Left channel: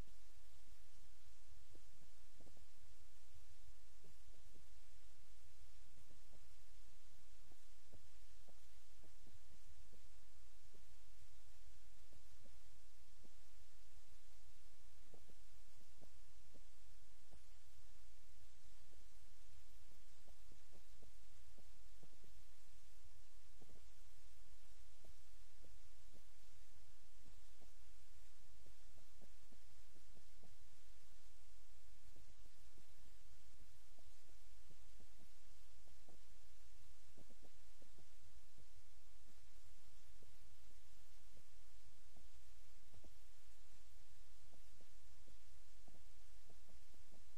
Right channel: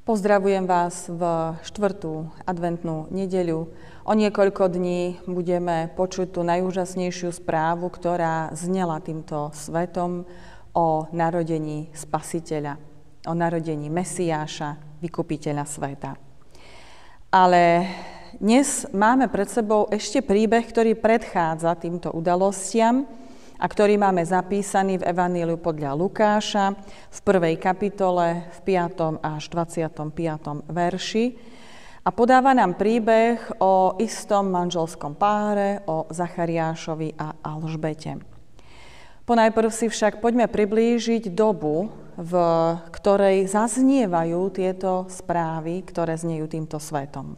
Pozdravujem vás v 4. adventnú nedeľu. O niekoľko dní budeme počuť tú najúžasnejšiu správu, ktorá znela týmto svetom o narodení Spasiteľa, o narodení Mesiáša, vykupiteľa sveta. Ale dnes máme pred sebou ešte príbeh, ktorý predchádza týmto udalostiam a ktorý máme zapísaný v Evaníliu podľa Lukáša v 1. kapitole v 5. až 25. verši a podáva nám príbeh o istom manželskom páre, o Zachariášovi a Alžbete. Ponajprv si však poďme priblížiť dobu, v ktorej zaznievajú tieto správy, ktoré znejú týmto svetom.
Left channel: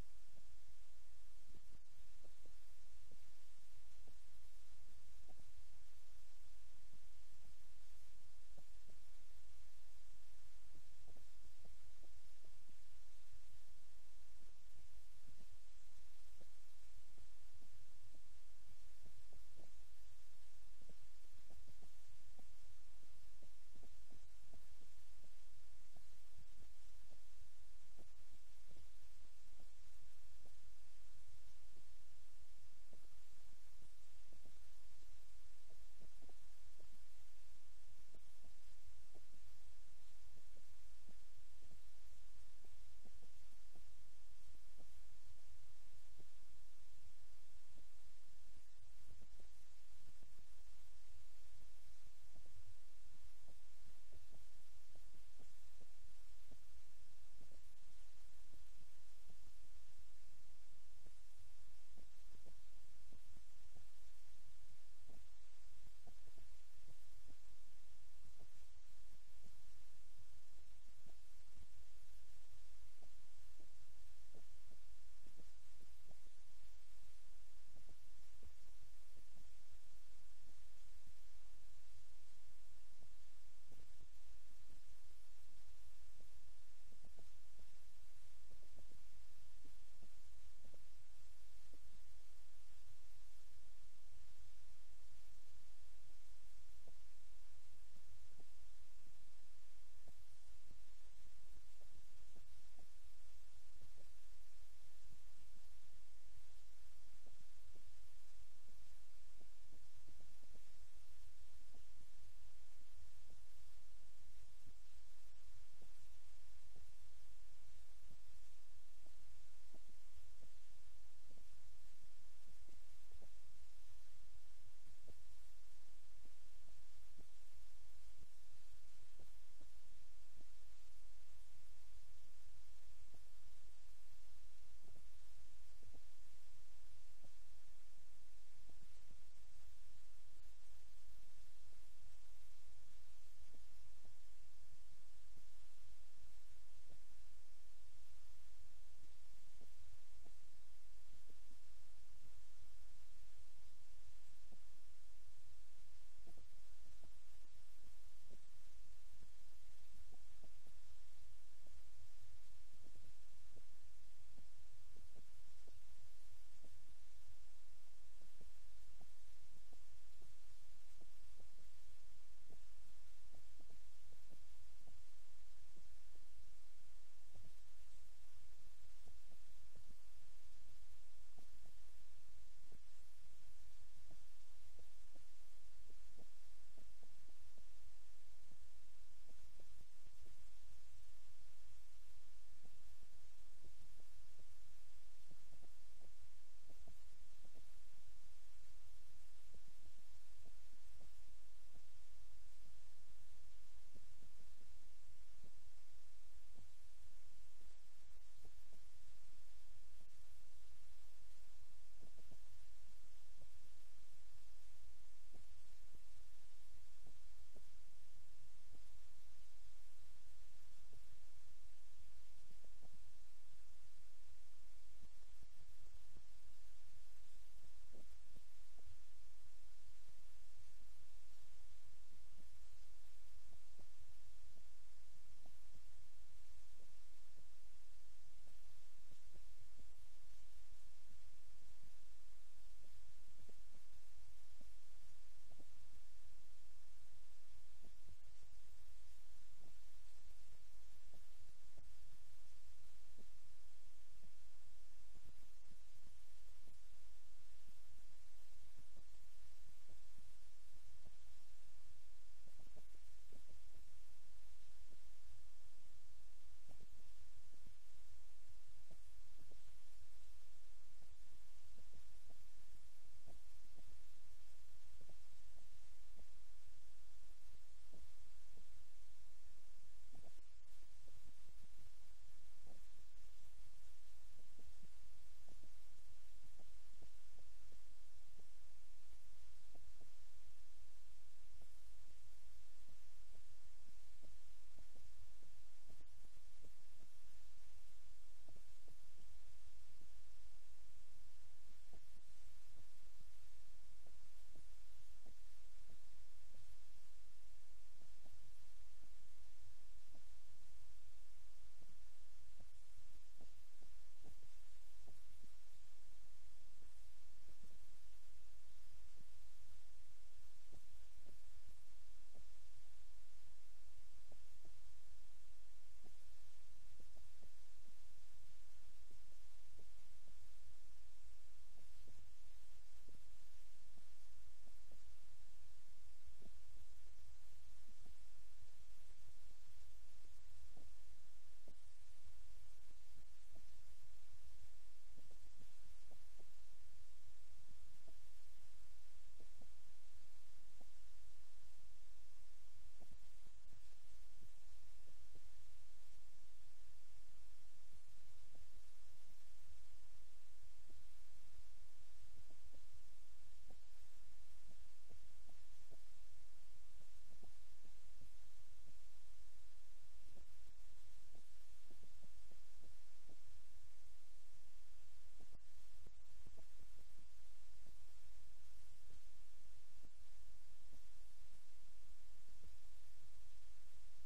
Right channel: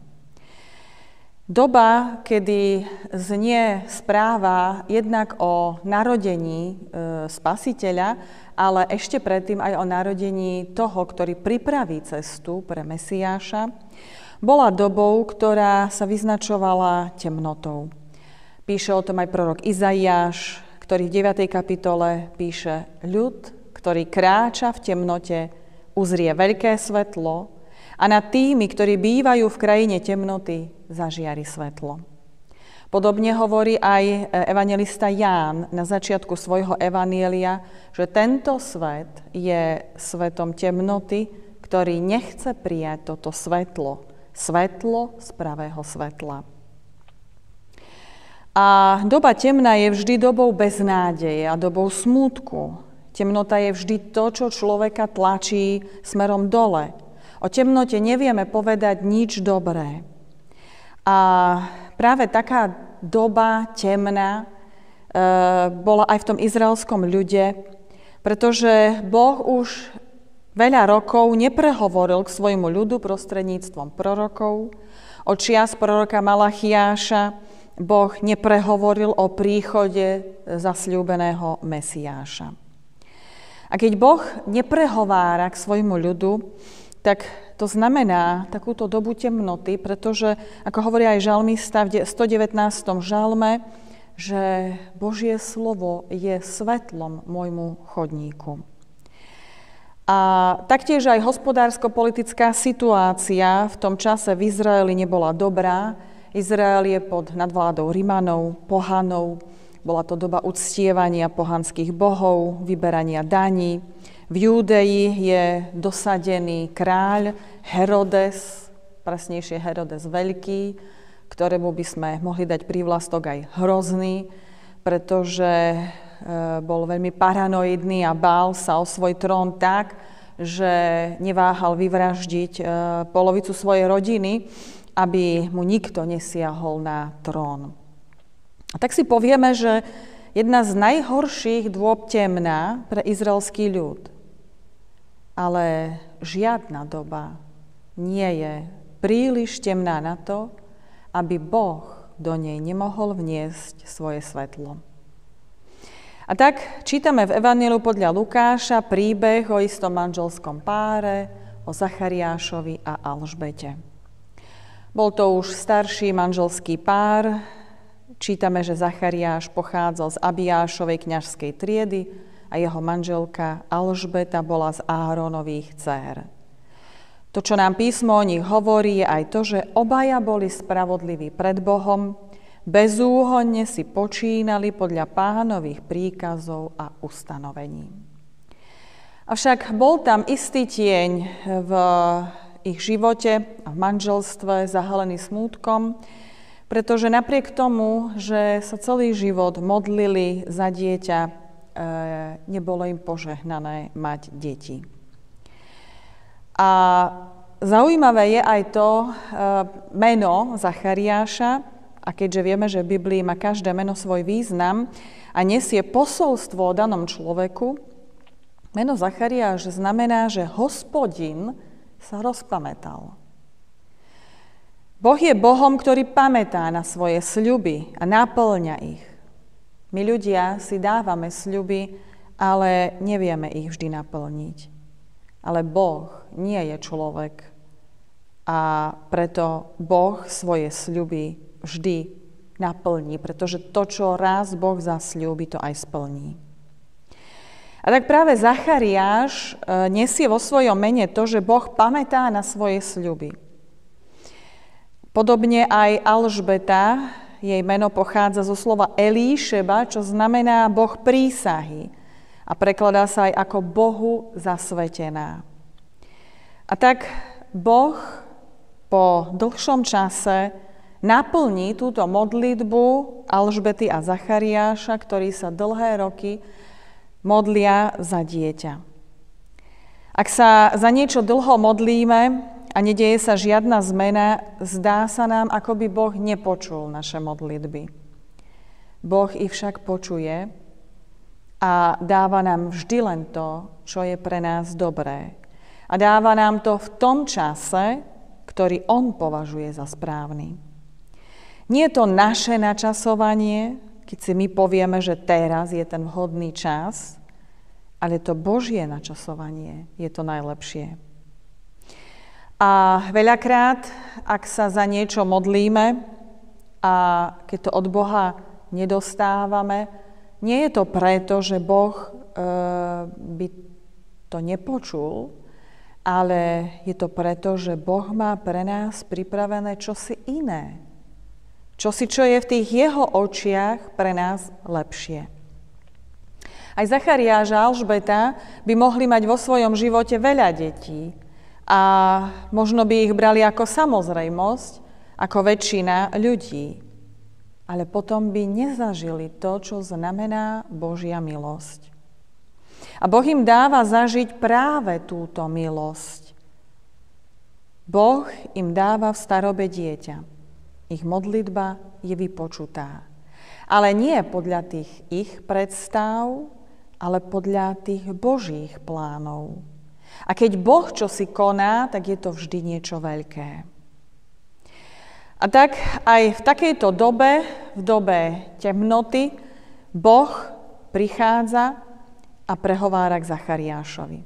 Doba, kedy znie správa jednak o narodení Spasiteľa, ale ešte predtým aj o narodení toho, ktorý pripraví cestu pre Mesiáša, bola dobou, ktorá sa vyznačovala temnotou. Píše o tom aj prorok Izaiáš, ktorý v 9. kapitole píše: ľud, ktorý kráča v temnote, uzrie veľké svetlo, a nad tými, ktorí bývajú v krajine temnoty, zažiari svetlo. Podobne hovorí aj evanjelista Ján na začiatku svojho evanielia, že tento svet je svetom temnoty, ktorý nechce prijať toto svetlo, svetlo z pravého svetla. A doba temná je vždy dobou beznádeje a dobou smútku. Temnota je vždy to, čo človeka tlačí smerom dole. O temnote nevieme povedať nič dobré. A práve taká doba temná bola aj v tom izraelskom ľude, pretože Boh už veľa rokov neprehovoril k svojmu ľudu prostredníctvom prorokov. Od čias proroka Malachiáša Boh neprehovoril o príchode zasľúbeného Mesiáša. A keď Boh neprehovára k svojmu ľudu, tak to znamená takúto dobu temnoty, pretože, ako hovorí aj žalmista v 119. žalme, že Božie slovo je svetlom môjmu chodníku. A taktiež aj hospodársko-politická situácia v tom čase v Izraeli nebola dobrá. Izrael je pod nadvládou Rimanov, pohanov. Bola to doba uctievania pohanských bohov, vyberania daní. V Júdei je dosadený kráľ Herodes, presnejšie Herodes Veľký, ktorému by sme mohli dať prívlastok aj hrozný, pretože bol veľmi paranoidný a bál sa o svoj trón tak, že neváhal vyvraždiť polovicu svojej rodiny, aby mu nikto nesiahol na trón. A tak si povieme, že jedna z najhorších dôb temná pre izraelský ľud. Ale žiadna doba nie je príliš temná na to, aby Boh do nej nemohol vniesť svoje svetlo. A tak čítame v Evaníliu podľa Lukáša príbeh o istom manželskom páre, o Zachariášovi a Alžbete. Bol to už starší manželský pár. Čítame, že Zachariáš pochádzal z Abiášovej kňažskej triedy a jeho manželka Alžbeta bola z Áronových dcér. To, čo nám písmo o nich hovorí, je aj to, že obaja boli spravodliví pred Bohom, bezúhonne si počínali podľa Pánových príkazov a ustanovení. Avšak bol tam istý tieň v ich živote a v manželstve zahalený smútkom, pretože napriek tomu, že sa celý život modlili za dieťa, nebolo im požehnané mať deti. A zaujímavé je aj to meno Zachariáša, a keďže vieme, že v Biblii má každé meno svoj význam a nesie posolstvo o danom človeku, meno Zachariáš znamená, že Hospodin sa rozpamätal. Boh je Bohom, ktorý pamätá na svoje sľuby a naplňa ich. My ľudia si dávame sľuby, ale nevieme ich vždy naplniť. Ale Boh nie je človek a preto Boh svoje sľuby vždy naplní, pretože to, čo raz Boh zasľúbi, to aj splní. A tak práve Zachariáš nesie vo svojom mene to, že Boh pamätá na svoje sľuby. Podobne aj Alžbeta, jej meno pochádza zo slova Elíšeba, čo znamená Boh prísahy a prekladá sa aj ako Bohu zasvetená. A tak Boh po dlhšom čase naplní túto modlitbu Alžbety a Zachariáša, ktorí sa dlhé roky modlia za dieťa. Ak sa za niečo dlho modlíme a nedeje sa žiadna zmena, zdá sa nám, ako by Boh nepočul naše modlitby. Boh ich však počuje a dáva nám vždy len to, čo je pre nás dobré. A dáva nám to v tom čase, ktorý on považuje za správny. Nie je to naše načasovanie, keď si my povieme, že teraz je ten vhodný čas, ale to Božie načasovanie je to najlepšie. A veľakrát, ak sa za niečo modlíme a keď to od Boha nedostávame, nie je to preto, že Boh by to nepočul, ale je to preto, že Boh má pre nás pripravené čosi iné. Čosi, čo je v tých jeho očiach pre nás lepšie. Aj Zachariáš a Alžbeta by mohli mať vo svojom živote veľa detí a možno by ich brali ako samozrejmosť, ako väčšina ľudí. Ale potom by nezažili to, čo znamená Božia milosť. A Boh im dáva zažiť práve túto milosť. Boh im dáva v starobe dieťa. Ich modlitba je vypočutá. Ale nie podľa tých ich predstav, ale podľa tých Božích plánov. A keď Boh čosi koná, tak je to vždy niečo veľké. A tak aj v takejto dobe, v dobe temnoty, Boh prichádza a prehovára k Zachariášovi.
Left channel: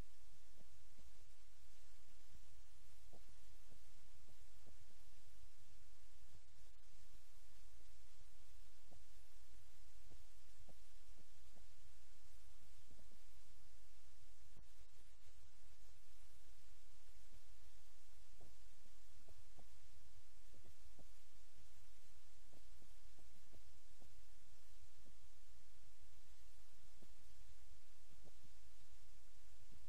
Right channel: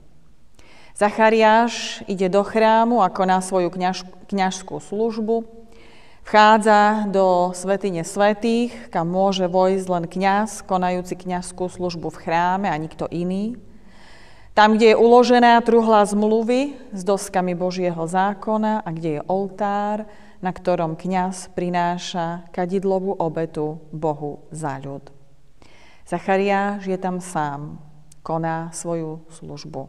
Zachariáš ide do chrámu a koná svoju kňažskú službu, vchádza do svätyne svätých, kam môže vojsť len kňaz, konajúci kňazskú službu v chráme a nikto iný. Tam, kde je uložená truhla zmluvy s doskami Božieho zákona a kde je oltár, na ktorom kňaz prináša kadidlovú obetu Bohu za ľud. Zachariáš je tam sám, koná svoju službu.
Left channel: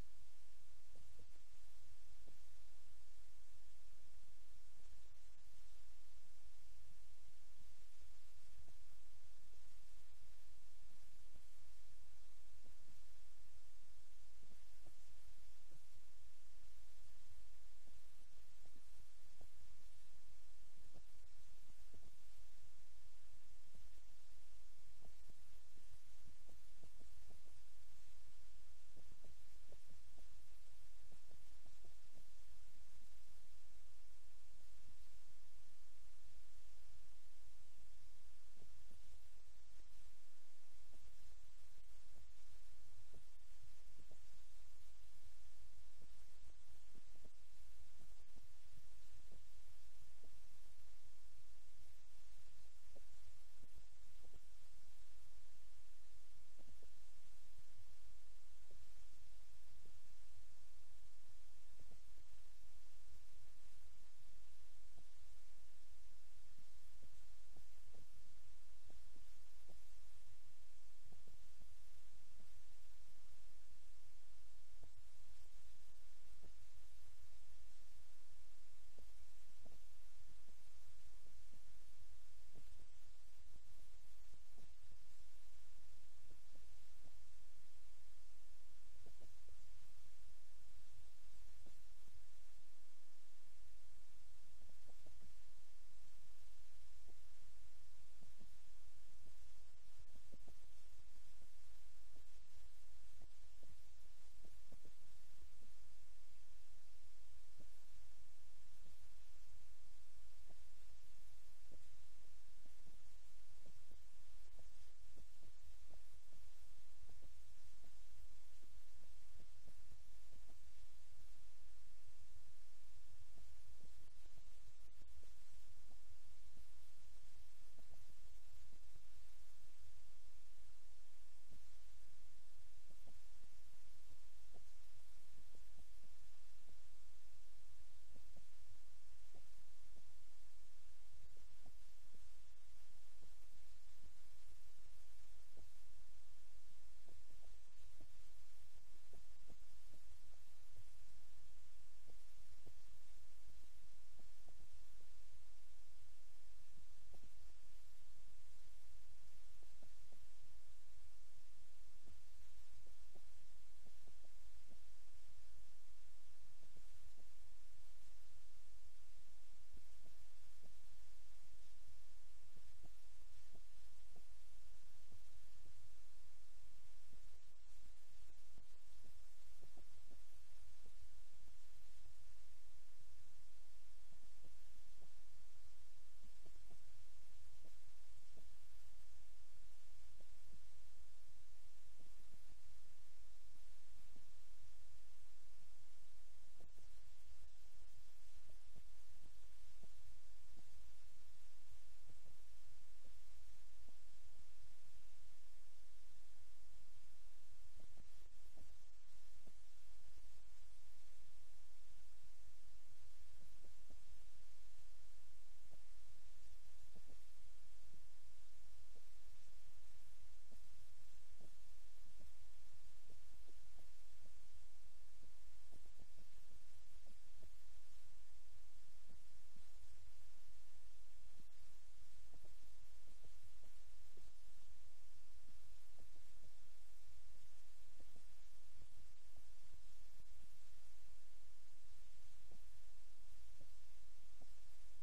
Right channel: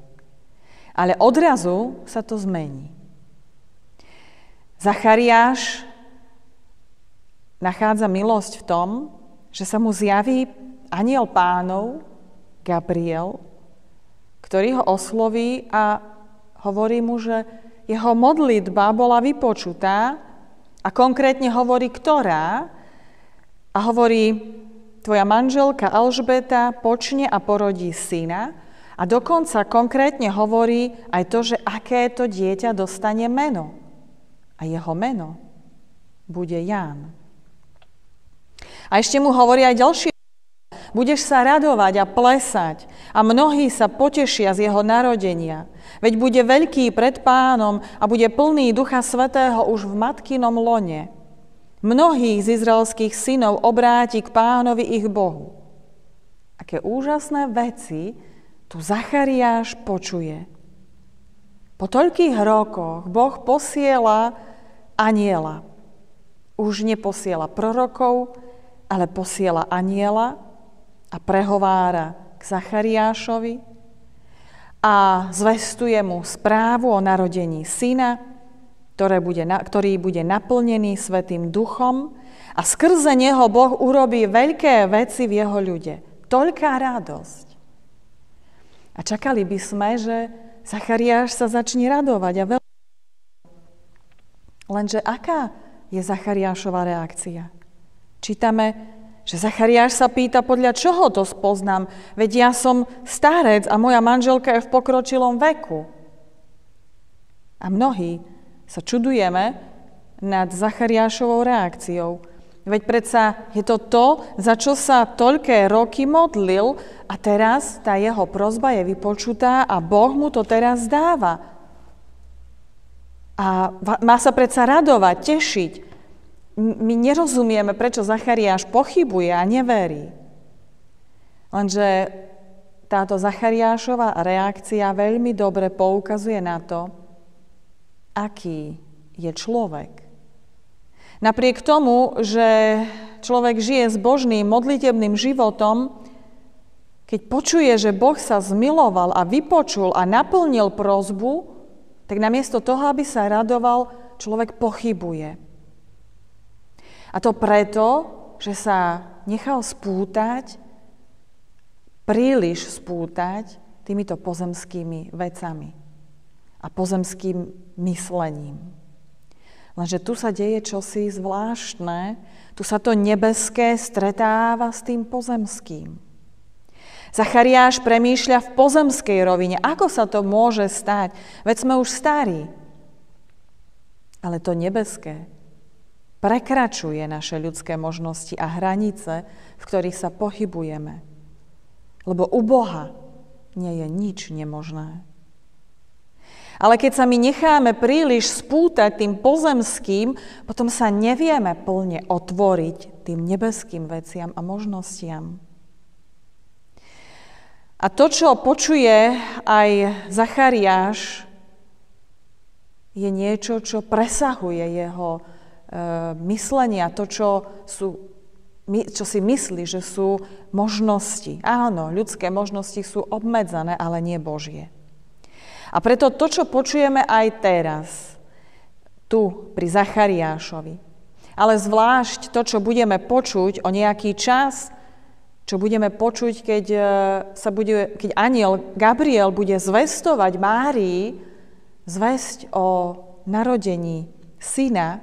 Ale odrazu sa to zmení. Zachariáš nachádza milosť v tom, že sa mu zjaví anjel Pánov, Gabriel, ktorý ho osloví a hovorí mu, že jeho modlitba bola vypočutá a konkrétne hovorí, ktorá, a hovorí, tvoja manželka Alžbeta počne a porodí syna a dokonca konkrétne hovorí aj to, že aké to dieťa dostane meno. A jeho meno bude Ján. A ešte mu hovorí aj ďalšie. Budeš sa radovať a plesať a mnohí sa potešia z jeho narodenia. Veď bude veľký pred Pánom a bude plný Ducha Svätého už v matkinom lone. Mnohých z izraelských synov obráti k Pánovi ich Bohu. Aké úžasné veci tu Zachariáš počuje. Po toľkých rokoch Boh posiela anjela. Už neposiela prorokov, ale posiela anjela a prehovára k Zachariášovi a zvestuje mu správu o narodení syna, ktorý bude naplnený Svätým Duchom a skrze neho Boh urobí veľké veci v jeho ľude. Toľká radosť. A čakali by sme, že Zachariáš sa začne radovať a veľmi. Lenže aká je Zachariášova reakcia? Čítame, že Zachariáš sa pýta, podľa čoho to spoznám, veď ja som starec a moja manželka je v pokročilom veku. A mnohí sa čudujeme nad Zachariášovou reakciou. Veď predsa je to, za čo sa toľké roky modlil a teraz tá jeho prosba je vypočutá a Boh mu to teraz dáva. A má sa predsa radovať, tešiť. My nerozumieme, prečo Zachariáš pochybuje a neverí. Lenže táto Zachariášova reakcia veľmi dobre poukazuje na to, aký je človek. Napriek tomu, že človek žije s božným, modlitebným životom, keď počuje, že Boh sa zmiloval a vypočul a naplnil prosbu, tak namiesto toho, aby sa radoval, človek pochybuje. A to preto, že sa nechal príliš spútať týmito pozemskými vecami a pozemským myslením. Lenže tu sa deje čosi zvláštne, tu sa to nebeské stretáva s tým pozemským. Zachariáš premýšľa v pozemskej rovine. Ako sa to môže stať? Veď sme už starí. Ale to nebeské prekračuje naše ľudské možnosti a hranice, v ktorých sa pohybujeme. Lebo u Boha nie je nič nemožné. Ale keď sa my necháme príliš spútať tým pozemským, potom sa nevieme plne otvoriť tým nebeským veciam a možnostiam. A to, čo počuje aj Zachariáš, je niečo, čo presahuje jeho myslenia, to, čo si myslí, že sú možnosti. Áno, ľudské možnosti sú obmedzené, ale nie Božie. A preto to, čo počujeme aj teraz, tu pri Zachariášovi, ale zvlášť to, čo budeme počuť o nejaký čas, čo budeme počuť, keď anjel Gabriel bude zvestovať Márii zvesť o narodení syna,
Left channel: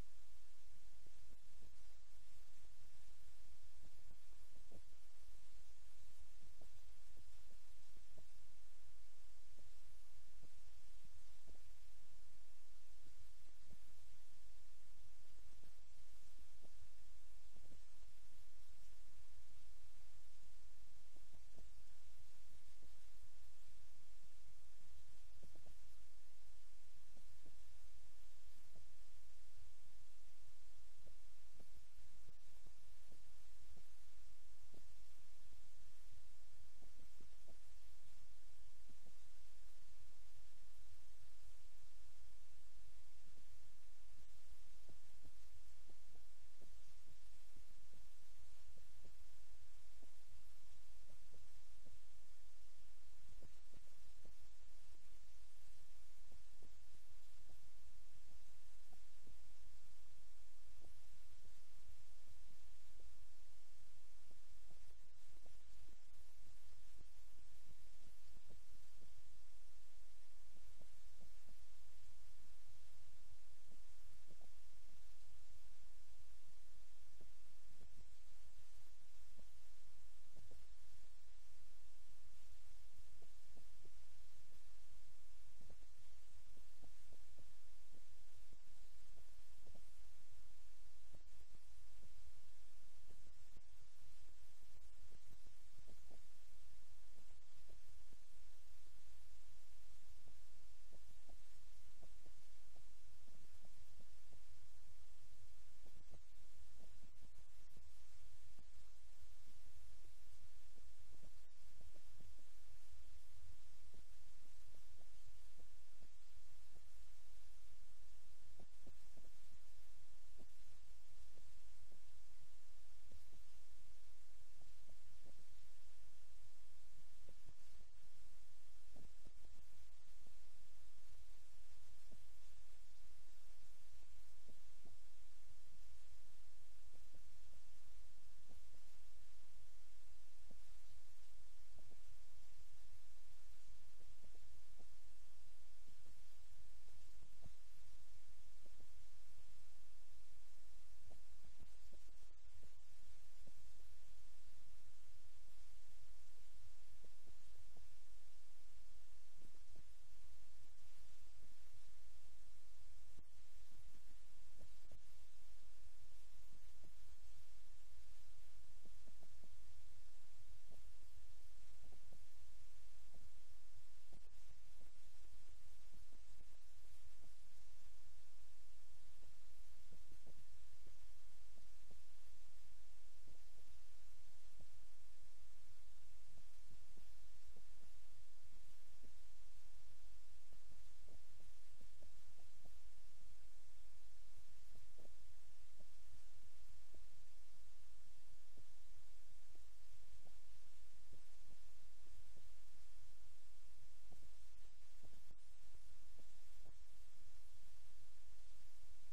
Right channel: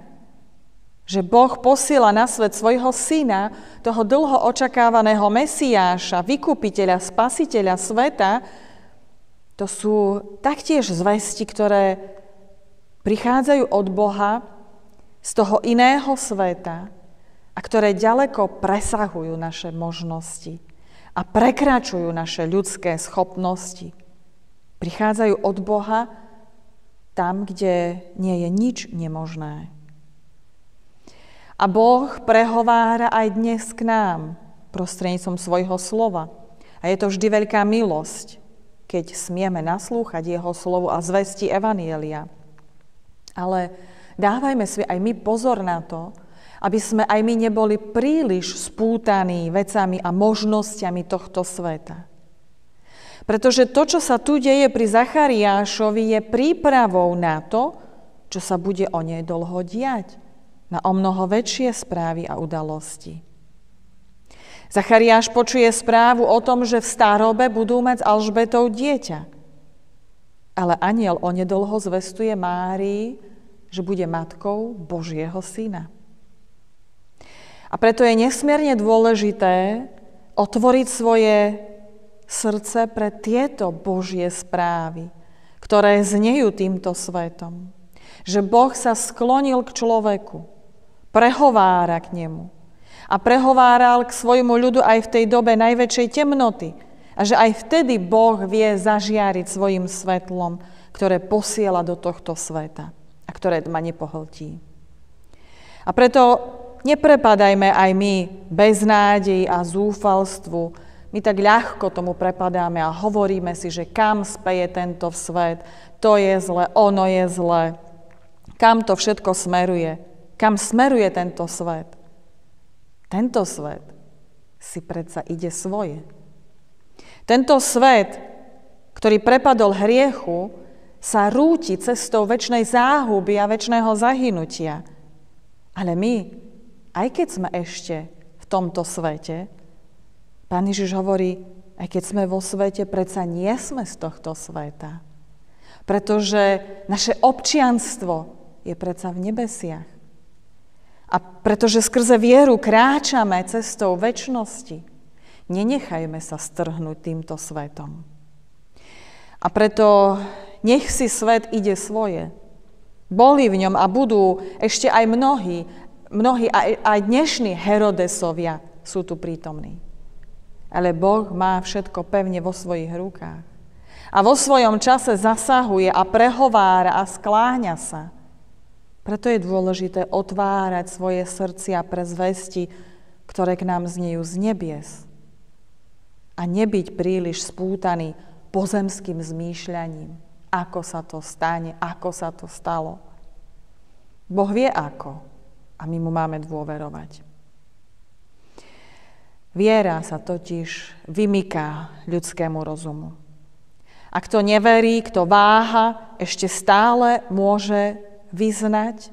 že Boh posiela na svet svojho syna, toho dlho očakávaného Mesiáša, vykupiteľa, spasiteľa sveta, to sú taktiež zvesti, ktoré prichádzajú od Boha z toho iného sveta a ktoré ďaleko presahujú naše možnosti a prekračujú naše ľudské schopnosti. Prichádzajú od Boha tam, kde nie je nič nemožné. A Boh prehovára aj dnes k nám prostredníctvom svojho slova. A je to vždy veľká milosť, keď smieme naslúchať jeho slovu a zvesti evanjelia. Ale dávajme si aj my pozor na to, aby sme aj my neboli príliš spútaní vecami a možnosťami tohto sveta. Pretože to, čo sa tu deje pri Zachariášovi, je prípravou na to, čo sa bude o nej dlho diať, na omnoho väčšie správy a udalosti. Zachariáš počuje správu o tom, že v starobe budú mať s Alžbetou dieťa. Ale anjel onedlho zvestuje Márii, že bude matkou Božieho syna. A preto je nesmierne dôležité otvoriť svoje srdce pre tieto Božie správy, ktoré znejú týmto svetom. Že Boh sa sklonil k človeku, prehovára k nemu a prehováral k svojmu ľudu aj v tej dobe najväčšej temnoty. A že aj vtedy Boh vie zažiariť svojim svetlom, ktoré posiela do tohto sveta a ktoré ma nepohltí. A preto neprepadajme aj my beznádeji a zúfalstvu. My tak ľahko tomu prepadáme a hovoríme si, že kam speje tento svet, to je zle, ono je zle. Kam to všetko smeruje? Kam smeruje tento svet? Tento svet si predsa ide svoje. Tento svet, ktorý prepadol hriechu, sa rúti cestou večnej záhuby a večného zahynutia. Ale my, aj keď sme ešte v tomto svete, Pán Ježiš hovorí, aj keď sme vo svete, predsa nie sme z tohto sveta. Pretože naše občianstvo je predsa v nebesiach. A pretože skrze vieru kráčame cestou večnosti, nenechajme sa strhnúť týmto svetom. A preto nech si svet ide svoje. Boli v ňom a budú ešte aj mnohí aj dnešní Herodesovia sú tu prítomní. Ale Boh má všetko pevne vo svojich rukách. A vo svojom čase zasahuje a prehovára a skláňa sa. Preto je dôležité otvárať svoje srdcia pre zvesti, ktoré k nám znejú z nebies. a nebyť príliš spútaný pozemským zmýšľaním, ako sa to stane, ako sa to stalo. Boh vie ako a my mu máme dôverovať. Viera sa totiž vymyká ľudskému rozumu. A kto neverí, kto váha, ešte stále môže vyznať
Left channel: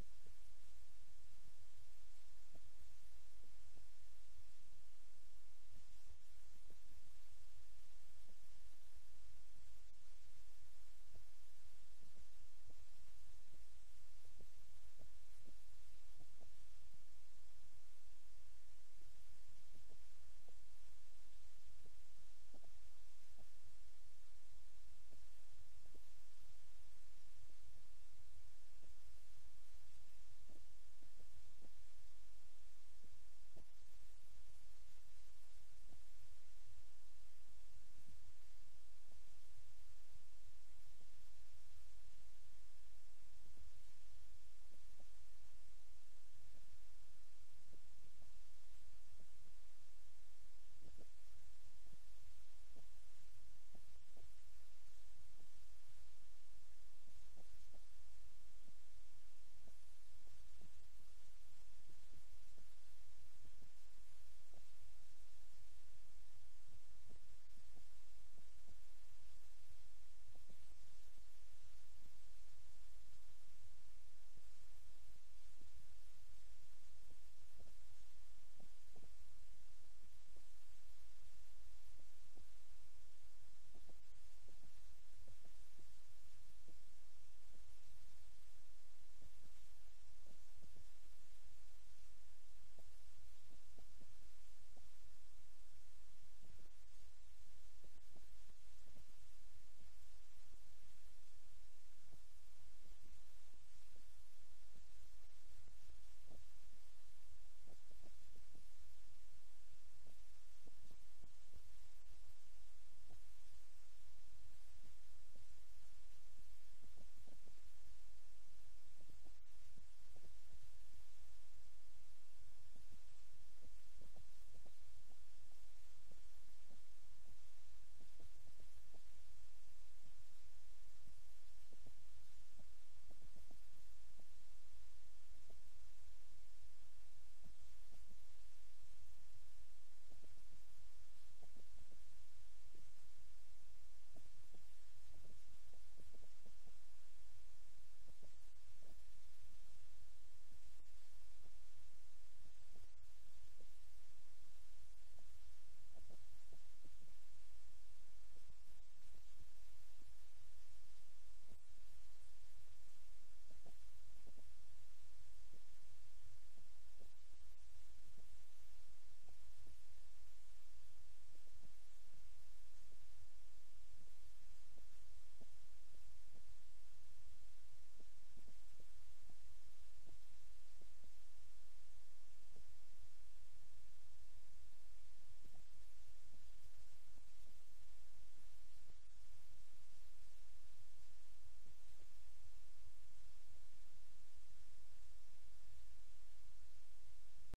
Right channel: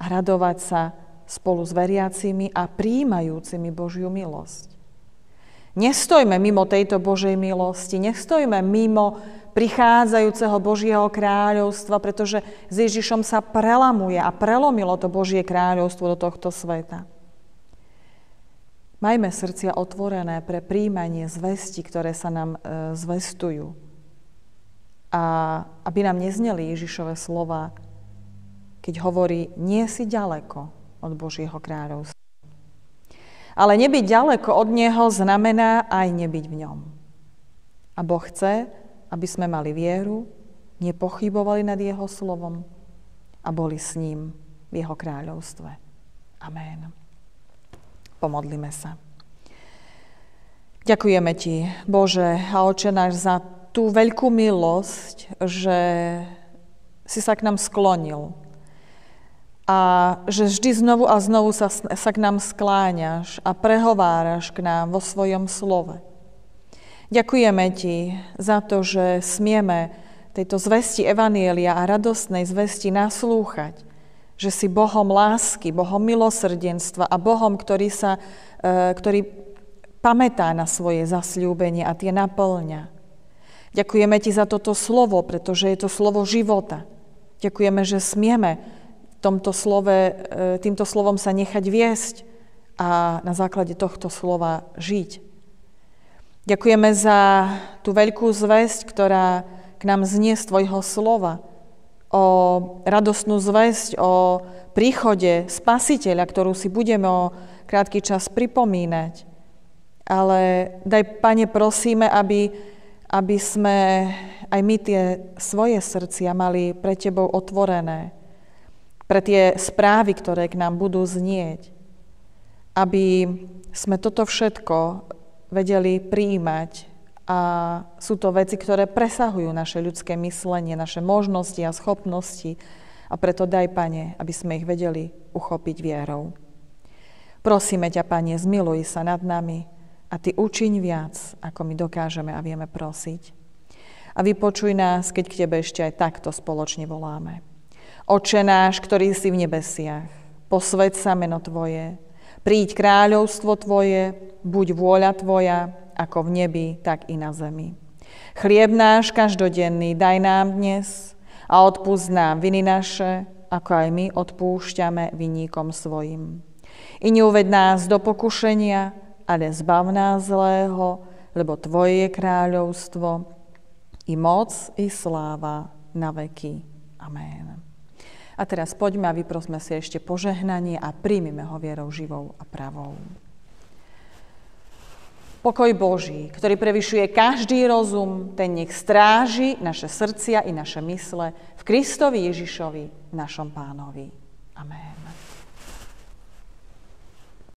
a radovať sa spolu s veriacimi a prijímajúcimi Božiu milosť. Nestojme mimo tejto Božej milosti, nestojme mimo prichádzajúceho Božieho kráľovstva, pretože s Ježišom sa prelamuje a prelomilo to Božie kráľovstvo do tohto sveta. Majme srdcia otvorené pre prijímanie zvesti, ktoré sa nám zvestujú. A aby nám nezneli Ježišove slova, keď hovorí, nie si ďaleko od Božieho kráľovstva. Ale nebyť ďaleko od Neho znamená aj nebyť v ňom. A Boh chce, aby sme mali vieru, nepochybovali nad Jeho slovom a boli s ním v Jeho kráľovstve. Amen. Pomodlíme sa. Ďakujeme Ti, Bože a Otče náš, za tú veľkú milosť, že si sa k nám sklonil. A že vždy znovu a znovu sa k nám skláňaš a prehováraš k nám vo svojom slove. Ďakujeme Ti za to, že smieme tejto zvesti evanjelia a radostnej zvesti naslúchať, že si Bohom lásky, Bohom milosrdenstva a Bohom, ktorý pamätá na svoje zasľúbenie a tie naplňa. Ďakujeme Ti za toto slovo, pretože je to slovo života. Ďakujeme, že smieme týmto slovom sa nechať viesť a na základe tohto slova žiť. Ďakujeme za tú veľkú zvesť, ktorá k nám znie z Tvojho slova, o radostnú zvesť, o príchode Spasiteľa, ktorú si budeme o krátky čas pripomínať. Ale daj, Pane, prosíme, aby sme aj my tie svoje srdcia mali pre Tebou otvorené, pre tie správy, ktoré k nám budú znieť, aby sme toto všetko vedeli prijímať. A sú to veci, ktoré presahujú naše ľudské myslenie, naše možnosti a schopnosti. A preto daj, Pane, aby sme ich vedeli uchopiť vierou. Prosíme ťa, Pane, zmiluj sa nad nami a Ty učiň viac, ako my dokážeme a vieme prosiť. A vypočuj nás, keď k Tebe ešte aj takto spoločne voláme. Otče náš, ktorý si v nebesiach, posväť sa meno Tvoje, príď kráľovstvo Tvoje, buď vôľa Tvoja, ako v nebi, tak i na zemi. Chlieb náš každodenný daj nám dnes a odpusť nám viny naše, ako aj my odpúšťame vinníkom svojim. I neuveď nás do pokušenia, ale zbav nás zlého, lebo Tvoje je kráľovstvo, i moc, i sláva na veky. Amen. A teraz poďme a vyprosme si ešte požehnanie a príjmime ho vierou živou a pravou. Pokoj Boží, ktorý prevyšuje každý rozum, ten nech stráži naše srdcia i naše mysle v Kristovi Ježišovi, našom Pánovi. Amen.